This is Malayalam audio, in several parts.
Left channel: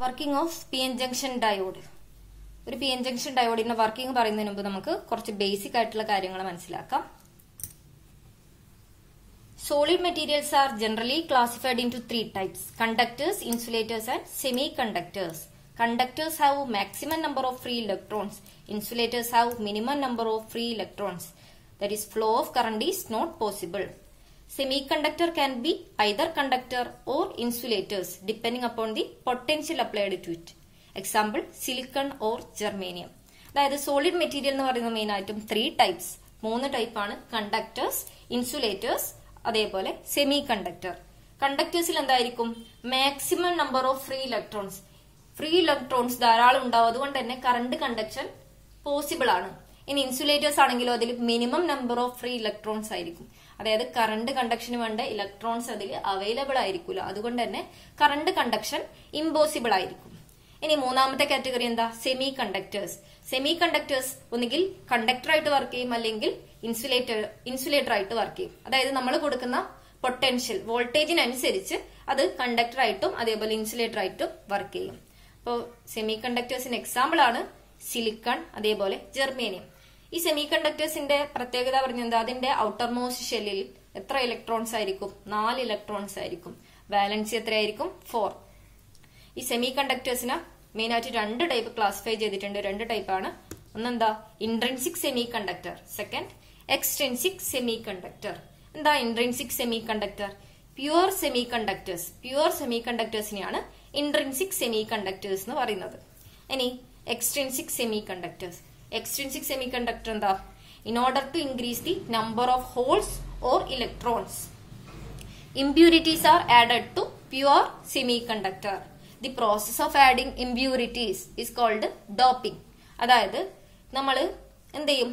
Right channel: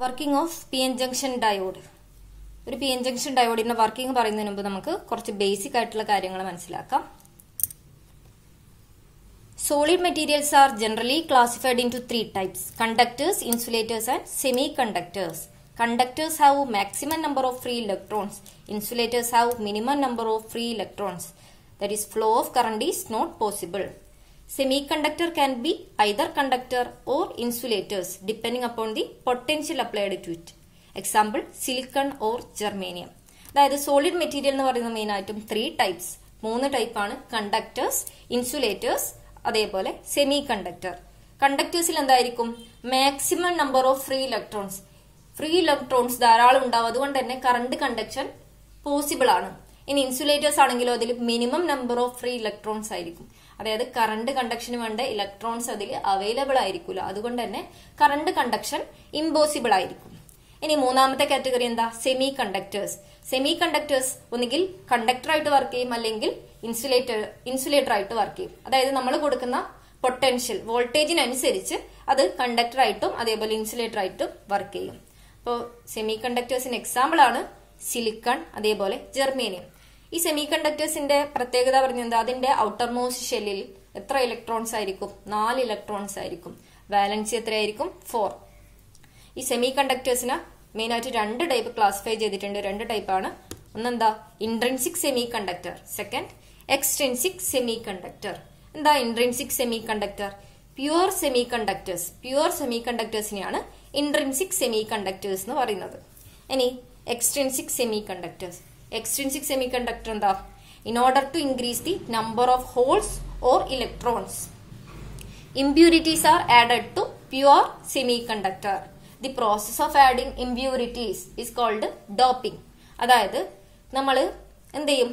Working of P N junction diode. ഒരു പി എൻ ജംഗ്ഷൻ ഡയോഡിന്റെ വർക്കിംഗ് പറയുന്നതിന് മുമ്പ് നമുക്ക് കുറച്ച് ബേസിക് ആയിട്ടുള്ള കാര്യങ്ങൾ മനസ്സിലാക്കാം. Solid materials are generally classified into three types: conductors, insulators and semiconductors. Conductors have maximum number of free electrons. Insulators have minimum number of free electrons. That is, flow of current is not possible. Semiconductor can be either conductor or insulators depending upon the potential applied to it. Example, silicon or germanium. അതായത് സോളിഡ് മെറ്റീരിയൽ എന്ന് പറയുന്ന മെയിൻ ആയിട്ടും ത്രീ ടൈപ്സ്, മൂന്ന് ടൈപ്പാണ്: കണ്ടക്ടേഴ്സ്, ഇൻസുലേറ്റേഴ്സ്, അതേപോലെ സെമി കണ്ടക്ടർ. കണ്ടക്ടേഴ്സിൽ എന്തായിരിക്കും? Maximum number of free electrons. Free electrons ധാരാളം ഉണ്ടാവും, അതുകൊണ്ട് തന്നെ കറണ്ട് കണ്ടക്ഷൻ പോസിബിൾ ആണ്. ഇനി ഇൻസുലേറ്റേഴ്സ് ആണെങ്കിലോ അതിൽ minimum number of free electrons ആയിരിക്കും. അതായത് കറണ്ട് കണ്ടക്ഷന് വേണ്ട ഇലക്ട്രോൺസ് അതിൽ അവൈലബിൾ ആയിരിക്കില്ല, അതുകൊണ്ട് തന്നെ കറണ്ട് കണ്ടക്ഷൻ ഇമ്പോസിബിൾ ആയിരിക്കും. ഇനി മൂന്നാമത്തെ കാറ്റഗറി എന്താ? Semi conductors. സെമി കണ്ടക്ടേഴ്സ് ഒന്നുകിൽ കണ്ടക്ടർ ആയിട്ട് വർക്ക് ചെയ്യും, അല്ലെങ്കിൽ ഇൻസുലേറ്റർ ആയിട്ട് വർക്ക് ചെയ്യും. അതായത് നമ്മൾ കൊടുക്കുന്ന പൊട്ടൻഷ്യൽ വോൾട്ടേജിനനുസരിച്ച് അത് കണ്ടക്ടർ ആയിട്ടും അതേപോലെ ഇൻസുലേറ്റർ ആയിട്ടും വർക്ക് ചെയ്യും. അപ്പോൾ സെമി കണ്ടക്ടേഴ്സിന് എക്സാമ്പിൾ ആണ് സിലിക്കൺ, അതേപോലെ ജെർമേനിയം. ഈ സെമി കണ്ടക്ടേഴ്സിന്റെ പ്രത്യേകത പറഞ്ഞെന്താ? അതിന്റെ ഔട്ടർ മോസ്റ്റ് ഷെല്ലിൽ എത്ര ഇലക്ട്രോൺസ് ആയിരിക്കും? 4 ഇലക്ട്രോൺസ് ആയിരിക്കും. വാലൻസി എത്രയായിരിക്കും? 4. ഈ സെമി കണ്ടക്ടേഴ്സിന് മെയിൻ ആയിട്ട് രണ്ട് ടൈപ്പ് ക്ലാസിഫൈ ചെയ്തിട്ടുണ്ട്. രണ്ട് ടൈപ്പാണ്. ഒന്നെന്താ? Intrinsic semiconductor, second extrinsic semiconductor. എന്താ intrinsic semiconductor? Pure semiconductors. Pure സെമി കണ്ടക്ടേഴ്സിനെയാണ് ഇൻട്രിൻസിക് സെമി കണ്ടക്ടേഴ്സ് എന്ന് പറയുന്നത്. ഇനി extrinsic semiconductors. Extrinsic semiconductor എന്താ? In order to increase the number of holes or electrons, impurities are added to pure semiconductor. The process of adding impurities is called doping. അതായത് നമ്മൾ എന്ത് ചെയ്യും?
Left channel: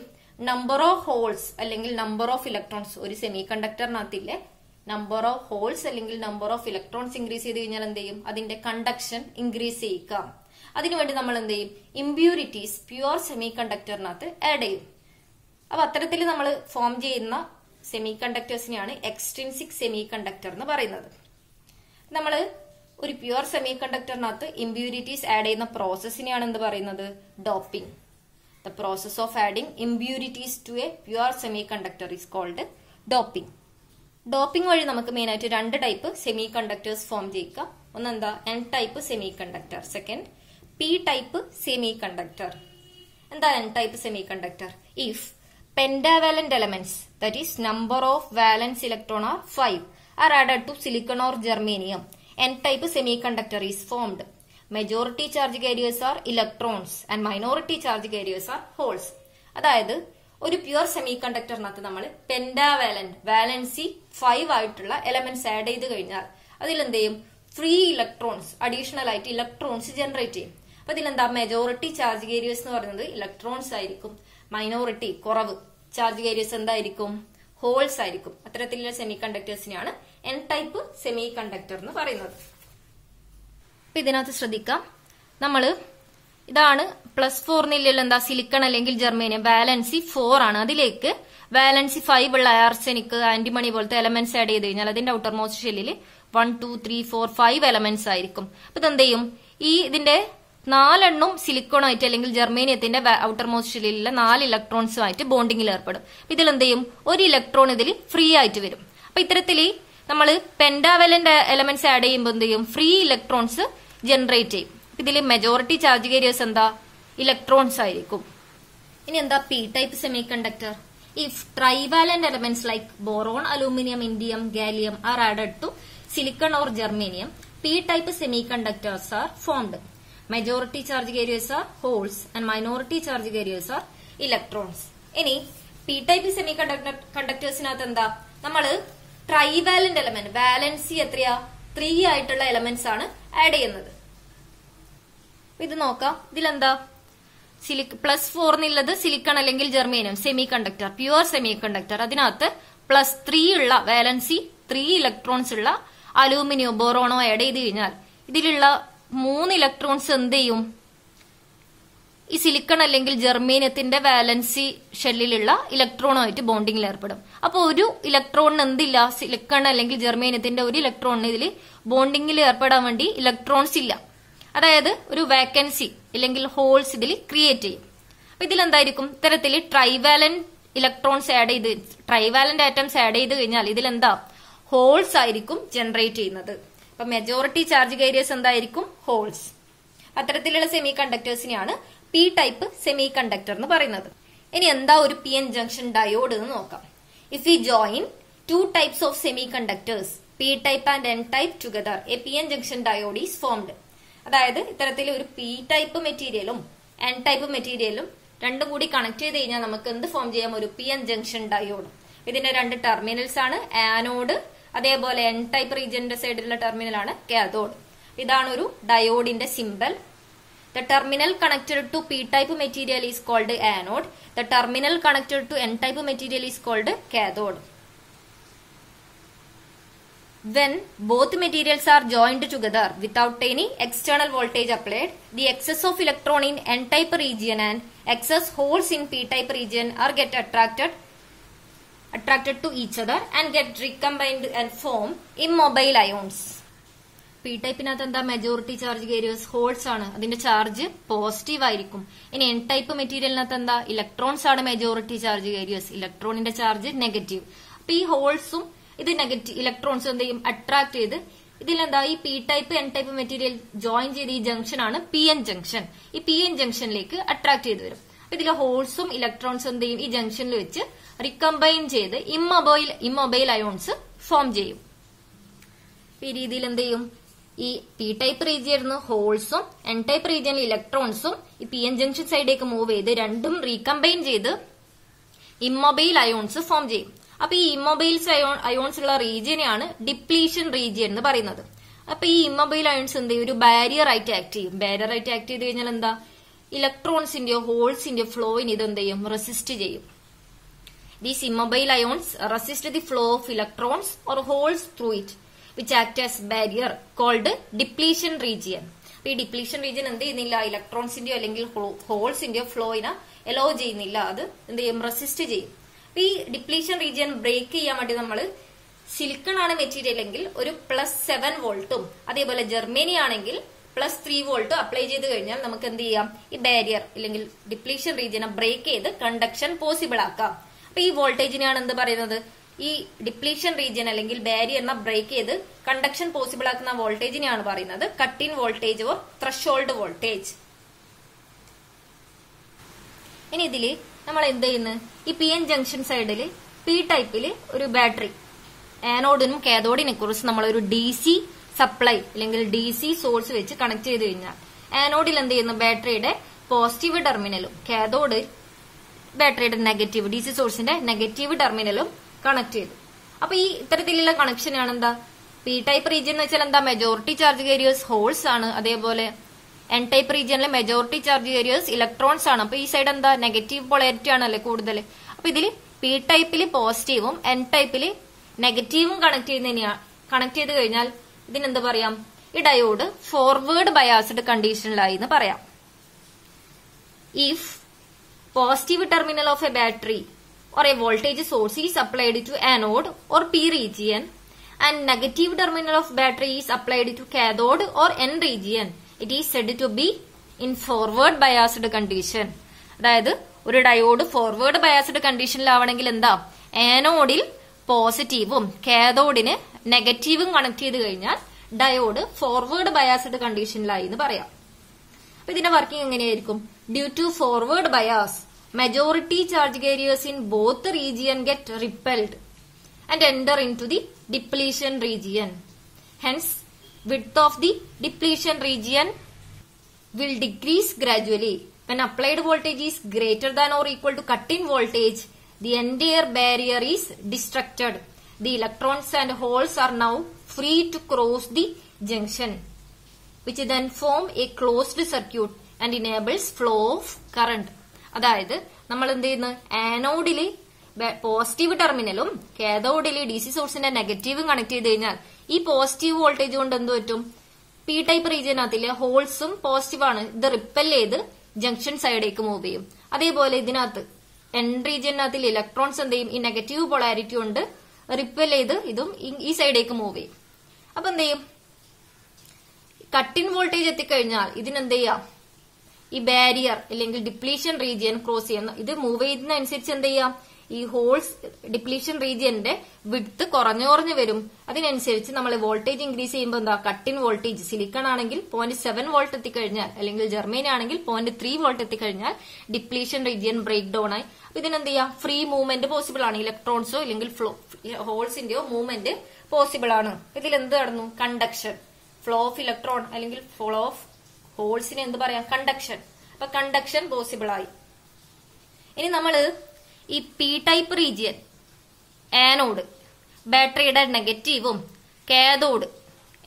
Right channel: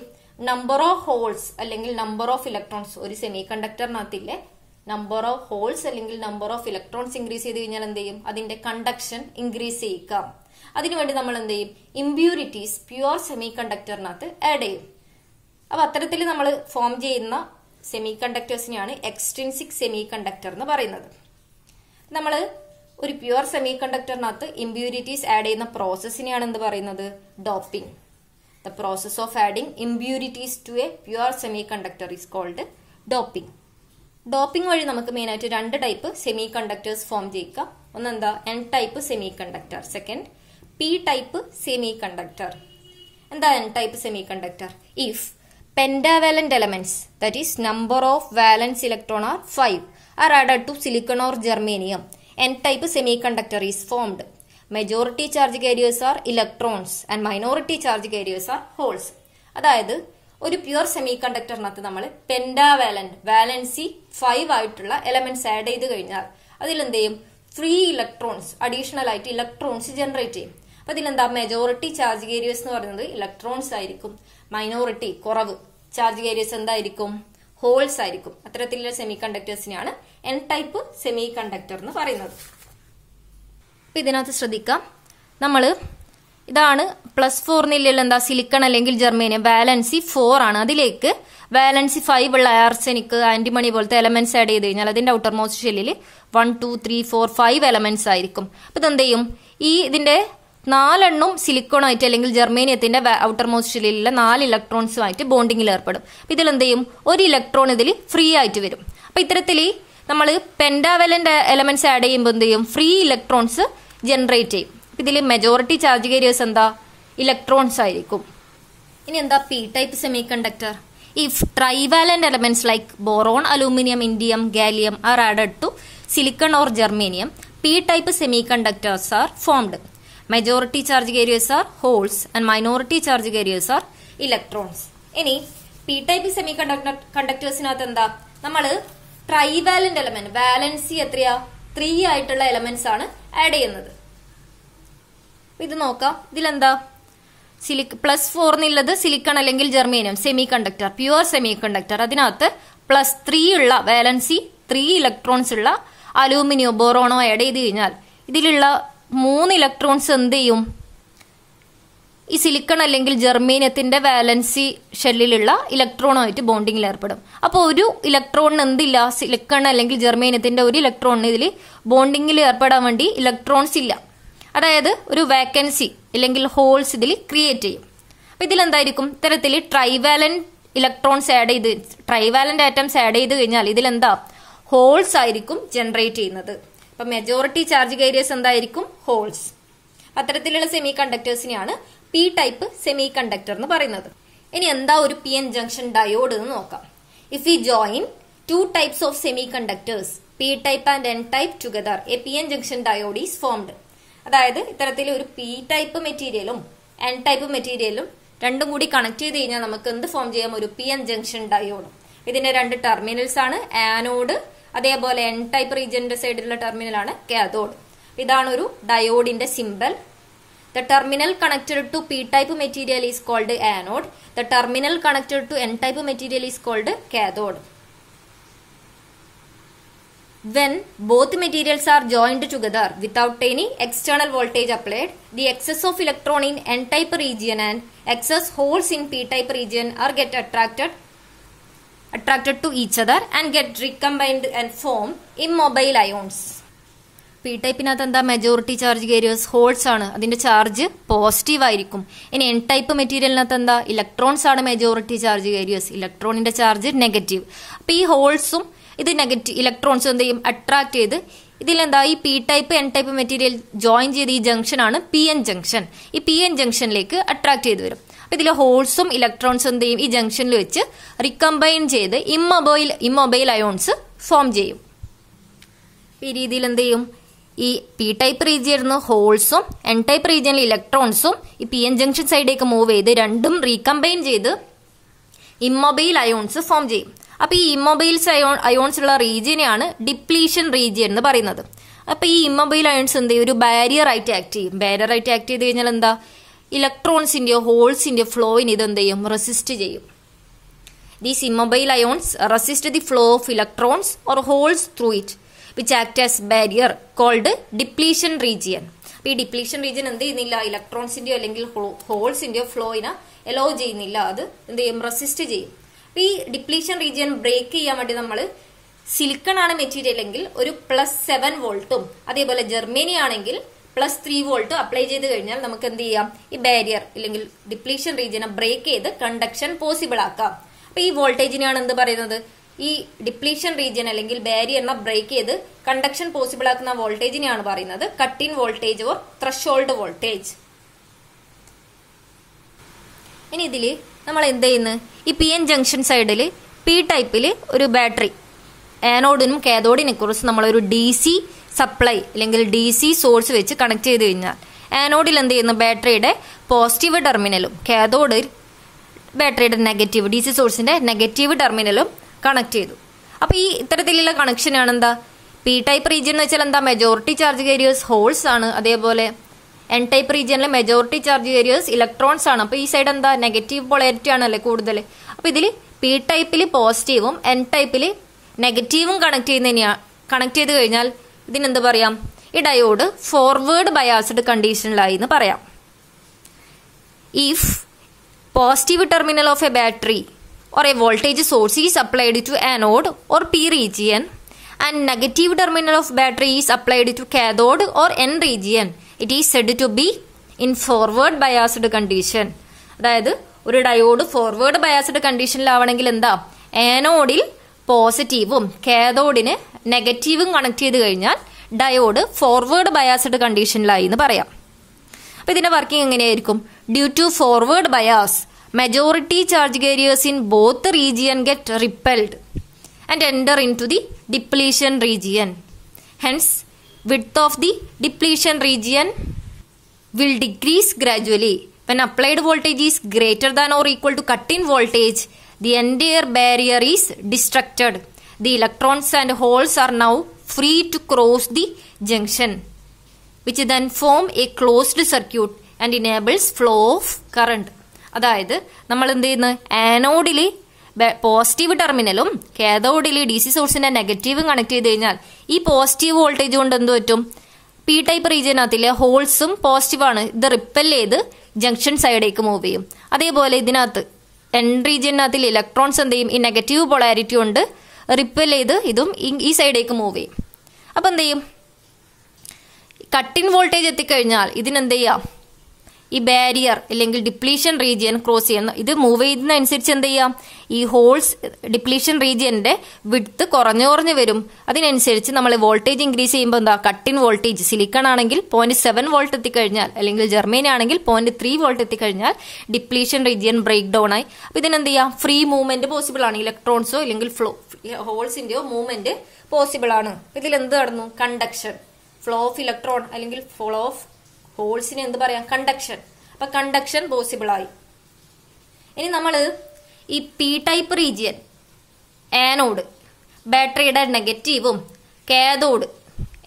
നമ്പർ ഓഫ് ഹോൾസ് അല്ലെങ്കിൽ നമ്പർ ഓഫ് ഇലക്ട്രോൺസ് ഒരു സെമി കണ്ടക്ടറിനകത്തില്ലേ, നമ്പർ ഓഫ് ഹോൾസ് അല്ലെങ്കിൽ നമ്പർ ഓഫ് ഇലക്ട്രോൺസ് ഇൻക്രീസ് ചെയ്ത് കഴിഞ്ഞാൽ എന്ത് ചെയ്യും? അതിന്റെ കണ്ടക്ഷൻ ഇൻക്രീസ് ചെയ്യിക്കാം. അതിനുവേണ്ടി നമ്മൾ എന്ത് ചെയ്യും? ഇമ്പ്യൂരിറ്റീസ് പ്യുവർ സെമി കണ്ടക്ടറിനകത്ത് ആഡ് ചെയ്യും. അപ്പൊ അത്തരത്തിൽ നമ്മൾ ഫോം ചെയ്യുന്ന സെമി കണ്ടക്ടേഴ്സിനെയാണ് എക്സ്ട്രിൻസിക് സെമി കണ്ടക്ടർ എന്ന് പറയുന്നത്. നമ്മൾ ഒരു പ്യുവർ സെമി കണ്ടക്ടറിനകത്ത് ഇമ്പ്യൂരിറ്റീസ് ആഡ് ചെയ്യുന്ന പ്രോസസ്സിനെയാണ് എന്ത് പറയുന്നത്? Doping. The process of adding impurities to a pure semiconductor is called doping. Doping വഴി നമുക്ക് മെയിൻ ആയിട്ട് രണ്ട് ടൈപ്പ് സെമി കണ്ടക്ടേഴ്സ് ഫോം ചെയ്യിക്കാം. ഒന്നെന്താ? N type semiconductor, second P type semiconductor. എന്താ N type semiconductor? If pentavalent elements, that is number of valence electron are 5, are added to silicon or germanium, n-type semiconductor is formed. Majority charge carriers are electrons and minority charge carriers are holes. അതായത് ഒരു പ്യുവർ സെമി കണ്ടക്ടറിനകത്ത് നമ്മൾ പെന്റാവാലന്റ് വാലൻസി 5 ആയിട്ടുള്ള എലമെന്റ്സ് ആഡ് ചെയ്ത് കഴിഞ്ഞാൽ അതിലെന്ത് ചെയ്യും? ഫ്രീ ഇലക്ട്രോൺസ്, അഡീഷണൽ ആയിട്ട് ഇലക്ട്രോൺസ് ജനറേറ്റ് ചെയ്യും. അപ്പൊ ഇതിലെന്താ? മെജോറിറ്റി ചാർജ് കാരിയേഴ്സ് എന്ന് പറയുന്നത് ഇലക്ട്രോൺസ് ആയിരിക്കും. മൈനോറിറ്റി കുറവ് ചാർജ് കാരിയേഴ്സ് എന്തായിരിക്കും? ഹോൾസ് ആയിരിക്കും. അത്തരത്തിലുള്ള സെമി കണ്ടക്ടേഴ്സിനെയാണ് എൻ ടൈപ്പ് സെമി കണ്ടക്ടർ എന്ന് പറയുന്നത്. അപ്പൊ ഇതിനകത്ത് ശ്രദ്ധിക്കാം, നമ്മള് ഇതാണ് +4 നിലയിൽ എന്താ? സിലിക്കൺ അല്ലെങ്കിൽ ജെർമേനിയം. വാലൻസി 4 ആണ്. അതിലേക്ക് വാലൻസി 5 ഉള്ള ആർസെനിക്, ആന്റിമണി പോലത്തെ എലമെന്റ്സ് ആഡ് ചെയ്ത് കഴിഞ്ഞാൽ അതിന്റെ ഔട്ടർ മോസ്റ്റ് ഷെല്ലിൽ 1 2 3 4 5 എലമെന്റ്സ് ആയിരിക്കും. അപ്പൊ ഇതെന്ത് ചെയ്യും? ഇതിന്റെ 4 സിലിക്കോൺ ആയിട്ട് അല്ലെങ്കിൽ ജെർമേനിയത്തിന്റെ ഔട്ടർ മോസ്റ്റ് ഷെല്ലിലെ 4 ഇലക്ട്രോൺസുമായിട്ട് ബോണ്ടിങ്ങിൽ ഏർപ്പെടും. ഇതിൽ എന്ത് ചെയ്യും? ഒരു ഇലക്ട്രോൺ ഇതിൽ ഫ്രീ ആയിട്ട് വരും. അപ്പൊ ഇത്തരത്തിൽ നമ്മൾ പെന്റാവലന്റ് എലമെന്റ്സ് ആഡ് ചെയ്യുമ്പോൾ എന്ത് ചെയ്യും? ഫ്രീ ഇലക്ട്രോൺസ് ജനറേറ്റ് ചെയ്യും. ഇതിൽ മെജോറിറ്റി ചാർജ് കാരിയേഴ്സ് എന്താ? ഇലക്ട്രോൺസ് ആയിരിക്കും. ഇനി എന്താ P type semiconductor? If trivalent elements like boron, aluminium, indium, gallium are added to silicon or germanium, P type semiconductors are formed. Majority charge carriers are holes and minority charge carriers are electrons. ഇനി പി ടൈപ്പ് സെമി കണ്ടക്ടേഴ്സിനകത്ത് എന്താ? നമ്മള് ട്രൈവാലന്റ് എലമെന്റ്, വാലൻസി എത്രയാ? 3 ആയിട്ടുള്ള എലമെന്റ്സ് ആണ് ആഡ് ചെയ്യുന്നത്. ഇത് നോക്കാം. ഇതിലെന്താ? +4 എന്നുള്ളത് സിലിക്കൺ അല്ലെങ്കിൽ germanium semi conductor, pure semi conductor. അതിനകത്ത് +3 ഉള്ള വാലൻസി 3 ഇലക്ട്രോൺസ് ഉള്ള അലൂമിനിയോ ബോറോണോ ആഡ് ചെയ്ത് കഴിഞ്ഞാൽ ഇതിലുള്ള 3 ഇലക്ട്രോൺസ് എന്ത് ചെയ്യും? ഈ സിലിക്കൺ അല്ലെങ്കിൽ ജെർമേനിയത്തിന്റെ വാലൻസി ഷെല്ലിലുള്ള ഇലക്ട്രോണുമായിട്ട് ബോണ്ടിങ്ങിൽ ഏർപ്പെടും. അപ്പോൾ ഒരു ഇലക്ട്രോണിന് എന്തില്ല? സിലിക്കൺ അല്ലെങ്കിൽ ജെർമേനിയത്തിന്റെ ഒരു ഇലക്ട്രോണിന് ഇതിൽ ബോണ്ടിങ്ങിൽ ഏർപ്പെടാൻ വേണ്ടി ഇലക്ട്രോൺസ് ഇല്ല. അതായത് ഒരു വേക്കൻസി അല്ലെങ്കിൽ ഹോൾസ് ഇതിൽ ക്രിയേറ്റ് ചെയ്യും. അപ്പൊ ഇതിലെന്തായിരിക്കും, ഇത്തരത്തിൽ ട്രൈവാലന്റ് ഇലക്ട്രോൺസ് ആഡ് ചെയ്ത് ട്രൈവാലന്റ് ആറ്റംസ് ആഡ് ചെയ്ത് കഴിഞ്ഞാൽ ഇതിലെന്താ ഹോൾസ് ആയിരിക്കും ജനറേറ്റ് ചെയ്യുന്നത്. അപ്പൊ മെജോറിറ്റി ചാർജ് കാരിയേഴ്സ് എന്തായിരിക്കും, ഹോൾസ്. അത്തരത്തിലുള്ള സെമി കണ്ടക്ടേഴ്സിനെയാണ് പി ടൈപ്പ് സെമി കണ്ടക്ടർ എന്ന് പറയുന്നത്. ഇനി എന്താ ഒരു പി എൻ ജംഗ്ഷൻ ഡയോഡ് എന്ന് നോക്കാം. If you join two types of semi conductors P type and N type together A P N junction diode is formed. അതായത് ഇത്തരത്തിൽ ഒരു പി ടൈപ്പ് മെറ്റീരിയലും എൻ ടൈപ്പ് മെറ്റീരിയലും രണ്ടും കൂടി കണക്ട് ചെയ്ത് കഴിഞ്ഞാൽ നമുക്ക് എന്ത് ഫോം ചെയ്യാം, ഒരു പി എൻ ജംഗ്ഷൻ ഡയോഡ്. ഇതിന്റെ രണ്ട് ടെർമിനൽസ് ആണ് ആനോഡ്, അതേപോലെ എൻ ടൈപ്പ് റീജിയന്റെ സൈഡിലുള്ള ടെർമിനൽ ആണ് കാഥോഡ്. ഇതാണ് ഒരു ഡയോഡിന്റെ symbol. The terminal connected to p-type material is called anode. The terminal connected to n-type material is called cathode. When both materials are joined together without any external voltage applied, the excess of electron in n-type region and excess holes in p-type region are get attracted to each other and get recombined and form immobile ions. P ടൈപ്പിനകത്ത് എന്താ മെജോറിറ്റി ചാർജ് കാരിയേഴ്സ് ഹോൾസ് ആണ്, അതിന്റെ ചാർജ് പോസിറ്റീവ് ആയിരിക്കും. ഇനി എൻ ടൈപ്പ് മെറ്റീരിയലിനകത്ത് എന്താ ഇലക്ട്രോൺസ് ആണ് മെജോറിറ്റി ചാർജ് കാരിയേഴ്സ്, ഇലക്ട്രോണിന്റെ ചാർജ് നെഗറ്റീവ്. അപ്പൊ ഈ ഹോൾസും ഇത് നെഗറ്റീവ് ഇലക്ട്രോൺസും എന്ത് ചെയ്യും, അട്രാക്ട് ചെയ്ത് ഇതിലെന്താ ഈ P type N type material join ചെയ്ത് ഈ ജംഗ്ഷൻ ആണ് പി എൻ ജംഗ്ഷൻ. ഈ പി എൻ ജംഗ്ഷനിലേക്ക് അട്രാക്ട് ചെയ്ത് വരും. അപ്പൊ ഇതിലെ ഹോൾസും ഇലക്ട്രോൺസും എന്ത് ചെയ്യും, ഈ ജംഗ്ഷനിൽ വെച്ച് റിക്കമ്പൈൻ ചെയ്ത് ഇമ്മൊബൈൽ അയോൺസ് ഫോം ചെയ്യും. ഈ രീതിയിൽ എന്ത് ചെയ്യും, ഈ പി ടൈപ്പ് റീജിയനിൽ ഹോൾസും എൻ ടൈപ്പ് റീജിയനിൽ ഇലക്ട്രോൺസും ഈ പി എൻ ജംഗ്ഷൻ സൈഡിലേക്ക് മൂവ് ചെയ്ത് രണ്ടും റീകമ്പൈൻ ചെയ്ത് ഇമ്മൊബൈൽ അയോൺസ് ഫോം ചെയ്യും. അപ്പൊ ഈ ഇമ്മൊബൈൽസ് അയോൺസ് ഉള്ള റീജിയനെയാണ് ഡിപ്ലീഷൻ റീജിയൻ എന്ന് പറയുന്നത്. അപ്പൊ ഈ ഇമ്മൊബൈൽ അയോൺസ് എന്ത് ചെയ്യും, ഒരു ബാരിയർ ആയിട്ട് ആക്ട് ചെയ്യും. ബാരിയർ ആയിട്ട് ആക്ട് ചെയ്ത് കഴിഞ്ഞാൽ എന്താ ഇലക്ട്രോൺസിന്റെയോ ഹോൾസിന്റെയോ ഫ്ലോയിന് ഇത് എന്ത് ചെയ്യും, റെസിസ്റ്റ് ചെയ്യും. These immobile ions resist the flow of electrons or holes through it which act as barrier called depletion region. ഈ ഡിപ്ലീഷൻ റീജിയൻ എന്ത് ചെയ്യുന്നില്ല, ഇലക്ട്രോൺസിന്റെയോ അല്ലെങ്കിൽ ഹോൾസിന്റെയോ ഫ്ലോയിനെ അലോ ചെയ്യുന്നില്ല, അത് എന്ത് ചെയ്യും, റെസിസ്റ്റ് ചെയ്യും. ഈ ഡിപ്ലീഷൻ റീജിയൻ ബ്രേക്ക് ചെയ്യാൻ വേണ്ടി നമ്മൾ സിലിക്കൺ ആണ് മെറ്റീരിയൽ എങ്കിൽ ഒരു +7 വോൾട്ടും അതേപോലെ ജർമ്മനി ആണെങ്കിൽ +3 വോൾട്ട് അപ്ലൈ ചെയ്ത് കഴിഞ്ഞാൽ നമുക്ക് എന്ത് ചെയ്യാം, ഈ ബാരിയർ അല്ലെങ്കിൽ ഡിപ്ലീഷൻ റീജിയനെ ബ്രേക്ക് ചെയ്ത് കണ്ടക്ഷൻ പോസിബിൾ ആക്കാം. അപ്പൊ ഈ വോൾട്ടേജിനെയാണ് എന്ത് പറയുന്നത്, ഈ ഡിപ്ലീഷൻ റീജിയൻ അല്ലെങ്കിൽ ബാരിയറിനെ ബ്രേക്ക് ചെയ്ത് കണ്ടക്ഷൻ പോസിബിൾ ആക്കുന്ന വോൾട്ടേജിനെയാണ് പറയുന്നത് cut in voltage or threshold voltage. ഇനി ഇതില് നമ്മൾ എന്ത് ചെയ്യുന്നു, ഈ പി എൻ ജംഗ്ഷൻ സൈഡില് പി ടൈപ്പില് ഒരു ബാറ്ററി ആനോഡിനും കാഥോഡിനെ കുറിച്ച് നമ്മളൊരു DC സപ്ലൈ അല്ലെങ്കിൽ DC സോഴ്സ് വെച്ച് കണക്ട് ചെയ്ത് കഴിഞ്ഞാൽ ആനോഡിൽ എന്ത് ചെയ്യുന്നു, ബാറ്ററിയുടെ പോസിറ്റീവ് ടെർമിനലും കാഥോഡിൽ ബാറ്ററിയുടെ നെഗറ്റീവ് DC സോഴ്സിന്റെ നെഗറ്റീവ് ടെർമിനലും കണക്ട് ചെയ്തു. അപ്പൊ ഈ ഇത്തരത്തിലുള്ള കണക്ഷൻ ആണ് എന്താ പി ടൈപ്പ് റീജിയൻ എന്ന് വെച്ചാൽ എന്താ മെജോറിറ്റി ചാർജ് കാരിയേഴ്സ് ഹോൾസ് ആണ്, അതേപോലെ എൻ ടൈപ്പ് റീജിയനിലെ മെജോറിറ്റി ചാർജ് കാരിയേഴ്സ് ഇലക്ട്രോൺസ് ആണ്. അപ്പൊ ഈ സൈഡ് എന്താ നെഗറ്റീവ് പോളാരിറ്റി ആണല്ലേ കൂടുതൽ. അപ്പൊ ഇതിൽ പി ടൈപ്പിൽ പോസിറ്റീവും എൻ ടൈപ്പിൽ നെഗറ്റീവും കണക്ട് ചെയ്ത് കഴിഞ്ഞാൽ ഇതിനെന്ത് പറയാം, ഈ ഡയോഡ് ഫോർവേഡ് ബയാസ്ഡ് കണ്ടീഷനിലായി എന്ന് പറയാം. If positive terminal of A battery or a voltage source is applied to anode or P region and negative terminal of battery is applied to cathode or N region, it is said to be in forward biased condition. അതായത് ഒരു ഡയോഡ് ഫോർവേഡ് ബയാസ്ഡ് കണ്ടീഷനിലാവണമെങ്കിൽ എന്താ, ആനോഡിൽ പോസിറ്റീവും കാഥോഡിന് നെഗറ്റീവും കണക്ട് ചെയ്ത് കഴിഞ്ഞാൽ ഡയോഡ് ഫോർവേഡ് ബയാസ്ഡ് കണ്ടീഷനിലായി എന്ന് പറയാം. അപ്പൊ ഇതിന്റെ വർക്കിംഗ് എങ്ങനെയായിരിക്കും, due to forward bias majority charge carriers in both region get repelled and enter into the depletion region. Hence, width of the depletion region will decrease gradually. When applied voltage is greater than or equal to cut-in voltage, the entire barrier is destructed. The electrons and holes are now free to cross the junction, which then form a closed circuit and enables flow of current. അതായത് നമ്മൾ എന്ത് ചെയ്യുന്നു, ആനോഡില് പോസിറ്റീവ് ടെർമിനലും കാഥോഡില് DC സോഴ്സിന്റെ നെഗറ്റീവും കണക്ട് ചെയ്ത് കഴിഞ്ഞാൽ ഈ പോസിറ്റീവ് വോൾട്ടേജ് കൊണ്ട് എന്ത് പറ്റും, പി ടൈപ്പ് റീജിയനകത്തിലെ ഹോൾസും പോസിറ്റീവ് ആണ്, ഇത് റിപ്പൽ ചെയ്ത് ജംഗ്ഷൻ സൈഡിലേക്ക് മൂവ് ചെയ്യും. അതേപോലെ ഇതിനകത്ത് എൻ റീജിയനകത്തിൽ ഇലക്ട്രോൺസ് എന്ത് ചെയ്യും, ഈ നെഗറ്റീവ് പൊളാരിറ്റി കൊണ്ട് റിപ്പൽ ചെയ്ത് ഇതും ഈ സൈഡിലേക്ക് മൂവ് ചെയ്യും. അപ്പൊ എന്ത് ചെയ്യും, കട്ട് ഇൻ വോൾട്ടേജ് എത്തിക്കഴിഞ്ഞാൽ ഇതിനെന്ത് ചെയ്യാം, ഈ ബാരിയർ അല്ലെങ്കിൽ ഡിപ്ലീഷൻ റീജിയൻ ക്രോസ് ചെയ്യുന്ന ഇത് മൂവ് ചെയ്യുന്നതനുസരിച്ച് എന്ത് ചെയ്യാം, ഈ ഹോൾസ് ഡിപ്ലീഷൻ റീജിയന്റെ വിഡ്ത്ത് കുറഞ്ഞു വരും. അതിനനുസരിച്ച് നമ്മൾ വോൾട്ടേജ് ഇൻക്രീസ് ചെയ്യുമ്പോൾ എന്താ, കട്ട് ഇൻ വോൾട്ടേജ് സിലിക്കൺ ആണെങ്കിൽ 0.7 വോൾട്ട് എത്തിക്കഴിഞ്ഞാൽ അല്ലെങ്കിൽ ജർമ്മനി ആണെങ്കിൽ 0.3 വോൾട്ട് എത്തിക്കഴിഞ്ഞാൽ ഡിപ്ലീഷൻ റീജിയൻ ബ്രേക്ക് ഡൗൺ ആയി. അപ്പൊ ഇതിനെന്ത് ചെയ്യാം, ഫ്രീ മൂവ്മെന്റ് പോസിബിൾ ആണ്. ഇലക്ട്രോൺസോ അല്ലെങ്കിൽ ഹോൾസിന്റെയോ മൂവ്മെന്റ് പോസിബിൾ ആണ്. ഇതിൽ എന്ത് നടന്നു, കണ്ടക്ഷൻ, ഫ്ലോ ഓഫ് ഇലക്ട്രോൺ അല്ലെങ്കിൽ ഫ്ലോ ഓഫ് ഹോൾസിന് എന്ത് പറയാം, കണ്ടക്ഷൻ. അപ്പൊ കണ്ടക്ഷൻ പോസിബിൾ ആയി. ഇനി നമ്മള് ഈ പി ടൈപ്പ് റീജിയൻ, ആനോഡ് ബാറ്ററിയുടെ നെഗറ്റീവും കാഥോഡ്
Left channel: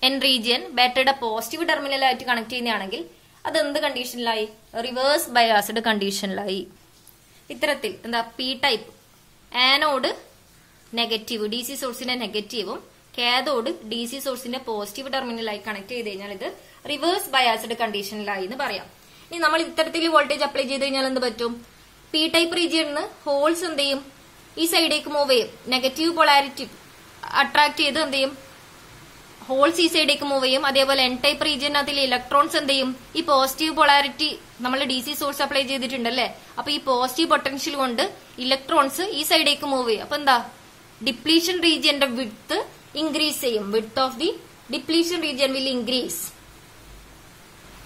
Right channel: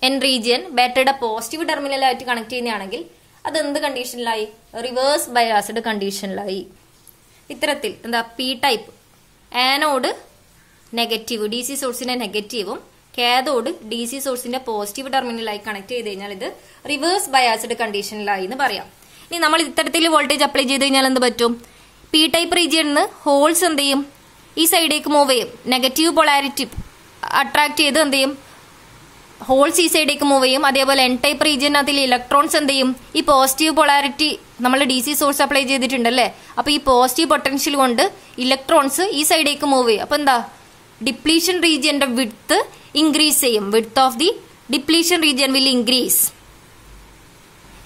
എൻ റീജിയൻ ബാറ്ററിയുടെ പോസിറ്റീവ് ടെർമിനലായിട്ട് കണക്ട് ചെയ്യുന്നതാണെങ്കിൽ അത് എന്ത് കണ്ടീഷനിലായി, റിവേഴ്സ് ബയാസ്ഡ് കണ്ടീഷനിലായി. ഇത്തരത്തിൽ എന്താ, P type anode negative D C സോഴ്സിന്റെ നെഗറ്റീവും കാഥോഡ് ഡി സി സോഴ്സിന്റെ പോസിറ്റീവ് ടെർമിനലായി കണക്ട് ചെയ്ത് കഴിഞ്ഞാൽ ഇത് റിവേഴ്സ് ബയാസ്ഡ് കണ്ടീഷനിലായി എന്ന് പറയാം. ഇനി നമ്മൾ ഇത്തരത്തിൽ വോൾട്ടേജ് അപ്ലൈ ചെയ്ത് കഴിഞ്ഞാൽ എന്ത് പറ്റും, പി ടൈപ്പ് റീജിയനിൽ ഹോൾസ് എന്ത് ചെയ്യും, ഈ സൈഡിലേക്ക് മൂവ് ചെയ്യും. നെഗറ്റീവ് പൊളാരിറ്റി അട്രാക്ട് ചെയ്ത് എന്ത് ചെയ്യും, ഹോൾസ് ഈ സൈഡിലേക്ക് മൂവ് ചെയ്യും. അതേപോലെ എൻ ടൈപ്പ് റീജിയനകത്തിൽ ഇലക്ട്രോൺസ് എന്ത് ചെയ്യും, ഈ പോസിറ്റീവ് പൊളാരിറ്റി നമ്മൾ ഡി സി സോഴ്സ് അപ്ലൈ ചെയ്തിട്ടുണ്ടല്ലേ, അപ്പൊ ഈ പോസിറ്റീവ് പൊട്ടൻഷ്യൽ കൊണ്ട് ഇലക്ട്രോൺസ് ഈ സൈഡിലേക്ക് മൂവ് ചെയ്യും. അപ്പൊ എന്താ, ഡിപ്ലീഷൻ റീജിയന്റെ വിഡ്ത്ത് ഇൻക്രീസ് ചെയ്യും. Width of the depletion region will increase.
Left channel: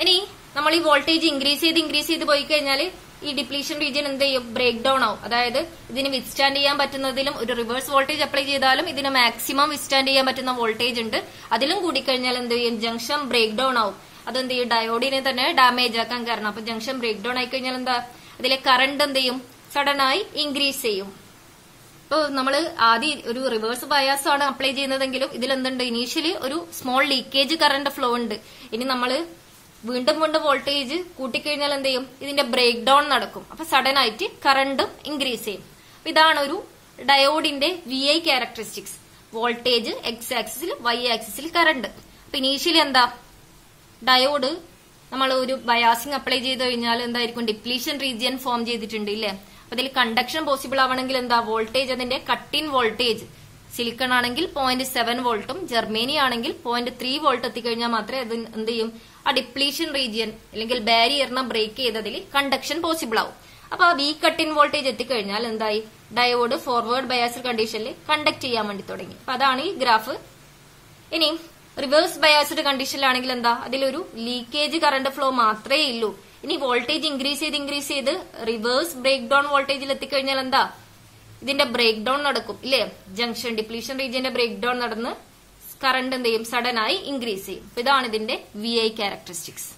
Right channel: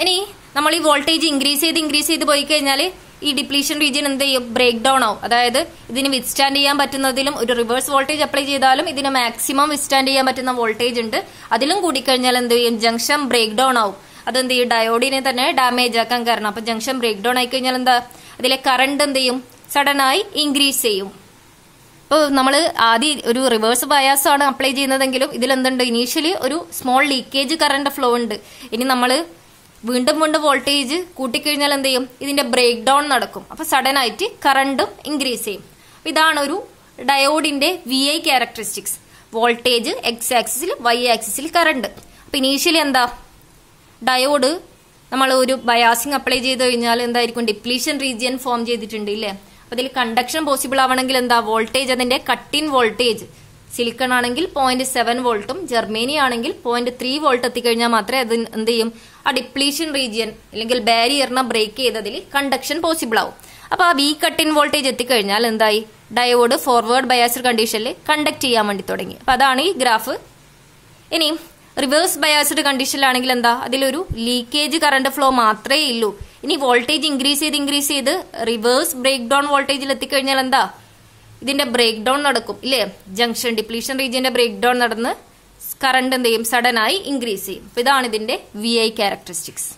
ഇനി നമ്മൾ ഈ വോൾട്ടേജ് ഇൻക്രീസ് ചെയ്ത് പോയി കഴിഞ്ഞാൽ ഈ ഡിപ്ലീഷൻ റീജിയൻ എന്ത് ചെയ്യും, ബ്രേക്ക് ഡൗൺ ആവും. അതായത് ഇതിന് വിത്ത്സ്റ്റാൻഡ് ചെയ്യാൻ പറ്റുന്നതിലും ഒരു റിവേഴ്സ് വോൾട്ടേജ് അപ്ലൈ ചെയ്താലും ഇതിന് മാക്സിമം വിത്ത്സ്റ്റാൻഡ് ചെയ്യാൻ പറ്റുന്ന വോൾട്ടേജ് ഉണ്ട്. അതിലും കൂടിക്കഴിഞ്ഞാൽ എന്ത് ചെയ്യും, ജംഗ്ഷൻ ബ്രേക്ക് ഡൗൺ ആവും. അതെന്ത് ചെയ്യും, ഡയോഡിനെ തന്നെ ഡാമേജ് ആക്കാൻ കാരണം. അപ്പൊ ജംഗ്ഷൻ ബ്രേക്ക് ഡൗൺ ആയി കഴിഞ്ഞാൽ എന്താ, അതിലെ കറണ്ട് എന്ത് ചെയ്യും, സഡൻ ആയി ഇൻക്രീസ് ചെയ്യും. ഇപ്പൊ നമ്മൾ ആദ്യം ഒരു റിവേഴ്സ് ബയാസ് ആണ് അപ്ലൈ ചെയ്യുന്നതെങ്കിലും ഇതിലെന്തുണ്ട്, ഇനീഷ്യലി ഒരു സ്മോൾ ലീക്കേജ് കറണ്ട് ഫ്ലോ ഉണ്ട്. ഇനി നമ്മൾ വീണ്ടും വോൾട്ടേജ് കൂട്ടിക്കഴിഞ്ഞാൽ എന്ത് ചെയ്യും, ഇതിന്റെ ബ്രേക്ക് ഡൗൺ നടക്കും. അപ്പൊ സഡൻ ആയിട്ട് കറണ്ടും ഇൻക്രീസ് ചെയ്യും. ഇതാണ് ഒരു ഡയോഡിന്റെ VI ക്യാരക്ടറിസ്റ്റിക്സ്. വോൾട്ടേജ് എക്സ് ആക്സിസിൽ, വൈ ആക്സിസിൽ കറണ്ട്. അപ്പൊ ഇനീഷ്യലി എന്താ, ഡയോഡ് നമ്മൾ ഒരു ബയാസിംഗ് അപ്ലൈ ചെയ്ത് കഴിഞ്ഞാൽ എന്തായിരിക്കും, ഡിപ്ലീഷൻ റീജിയൻ ഫോം ചെയ്തിട്ടുണ്ട് ഇല്ലേ. അപ്പൊ ഇതിൽ കണ്ടക്ഷൻ പോസിബിൾ ആവണമെങ്കിൽ എന്താ, വോൾട്ടേജ് അതിന്റെ കട്ട് ഇൻ വോൾട്ടേജ് സിലിക്കൺ ആണെങ്കിൽ 0.7 വോൾട്ടും ജർമ്മനി ആണെങ്കിൽ 0.3 വോൾട്ട് എത്തിക്കഴിഞ്ഞാൽ മാത്രമേ അത് എന്ത് ചെയ്യും, ആ ഡിപ്ലീഷൻ റീജിയൻ അല്ലെങ്കിൽ ബാരിയറിനെ ബ്രേക്ക് ചെയ്തതിൽ കണ്ടക്ഷൻ പോസിബിൾ ആവും. അപ്പൊ ആ വി കട്ട് ഇൻ വോൾട്ടേജ് എത്തിക്കഴിഞ്ഞാൽ എന്തായി, ഡയോഡ് ഫോർവേഡ് ബയാസ്ഡ് കണ്ടീഷനിൽ കണ്ടക്ട് ചെയ്യാൻ വേണ്ടി തുടങ്ങി. അപ്പൊ അതാണ് ഈ ഗ്രാഫ്. ഇനി റിവേഴ്സ് ബയാസ്ഡ് കണ്ടീഷനിലാണെങ്കിൽ എന്താ, അതിലൊരു ലീക്കേജ് കറണ്ട് ഫ്ലോ മാത്രമേ ഉള്ളൂ. ഇനി വോൾട്ടേജ് ഇൻക്രീസ് ചെയ്ത് റിവേഴ്സ് ബ്രേക്ക് ഡൗൺ വോൾട്ടേജിൽ എത്തിക്കഴിഞ്ഞാൽ എന്താ, ഇതിന്റെ ബ്രേക്ക് ഡൗൺ നടക്കും ഇല്ലേ. ജംഗ്ഷൻ ഡിപ്ലീഷൻ റീജിയന്റെ ബ്രേക്ക് ഡൗൺ നടന്ന് കറണ്ട് എന്ത് ചെയ്യും, സഡൻ ആയി ഇൻക്രീസ് ചെയ്യും. ഇതാണ് ഇതിന്റെ VI ക്യാരക്ടറിസ്റ്റിക്സ്.